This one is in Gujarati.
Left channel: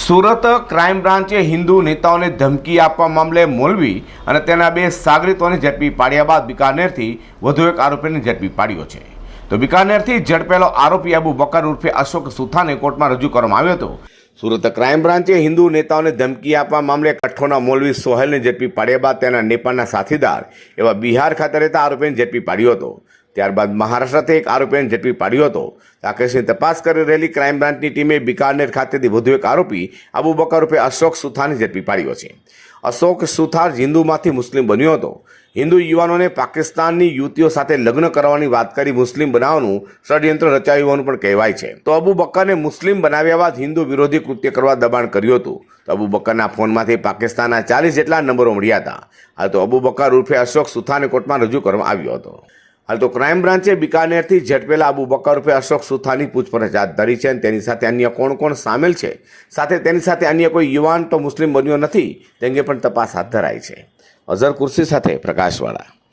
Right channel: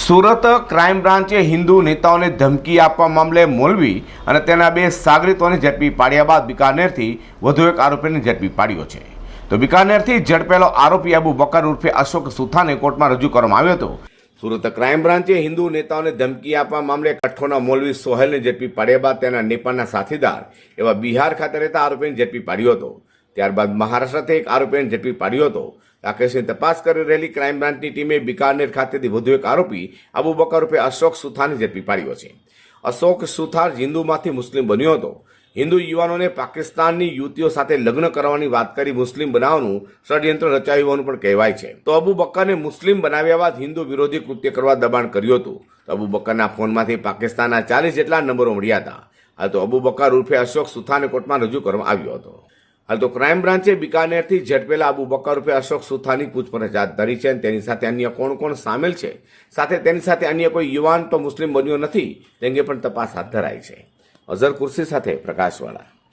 સુરત ક્રાઇમ બ્રાન્ચે હિન્દુ નેતાઓને ધમકી આપવા મામલે મોલવી અને તેના બે સાગરીતોને ઝડપી પાડ્યા બાદ બિકાનેરથી વધુ એક આરોપીને ઝડપી પાડ્યો છે. તો બિકાનેરથી ઝડપેલો આરોપી અબુ બકર ઉર્ફે અશોક સુથાને કોર્ટમાં રજૂ કરવામાં આવ્યો હતો. સુરત ક્રાઇમ બ્રાન્ચે હિન્દુ નેતાઓને ધમકી આપવા મામલે કઠ્ઠોના મોલવી સોહેલને ઝડપી પાડ્યા બાદ તેના નેપાળના સાથીદાર એવા બિહાર ખાતે રહેતા આરોપીને ઝડપી પાડ્યો હતો. ત્યારબાદ મહારાષ્ટ્રથી એક આરોપીને ઝડપી પાડ્યો હતો. આ તપાસ કરી રહેલી ક્રાઇમ બ્રાન્ચની ટીમે બિકાનેર ખાતેથી વધુ એક આરોપી અબુ બકર રૂપે અશોક સુથારને ઝડપી પાડ્યો છે. અશોક સુથાર હિન્દુમાંથી મુસ્લિમ બન્યો હતો. હિન્દુ યુવાનોને પાકિસ્તાનની યુવતીઓ સાથે લગ્ન કરવાની વાત કરી મુસ્લિમ બનાવવાનું ષડયંત્ર રચાયું હોવાનું પણ કહેવાય છે. તો અબુ બક્કરને મુસ્લિમ બનાવ્યા બાદ હિન્દુ વિરોધી કૃત્ય કરવા દબાણ કર્યું હતું. અબુ બક્કરના ફોનમાંથી પાકિસ્તાનના ચાલીસ જેટલા નંબરો મળ્યા હતા. આ તો અબુ બક્કર ઉર્ફે અશોક સુથાને કોર્ટમાં રજૂ કરવામાં આવ્યો હતો. હાલ તો ક્રાઇમ બ્રાન્ચે બિકાનેરથી ઝડપેલા અબુ બકર રૂપે અશોક સુથાની પૂછપરછ હાથ ધરી છે અને તેની સાથે અન્ય કોણ કોણ સામેલ છે? સાથે તેની સાથે અન્ય કોઈ યુવાન તો મુસ્લિમ બન્યો નથી, તે અંગે પણ તપાસ હાથ ધરાઈ છે. અઝર કુર્સી સાથે પ્રકાશવાળા.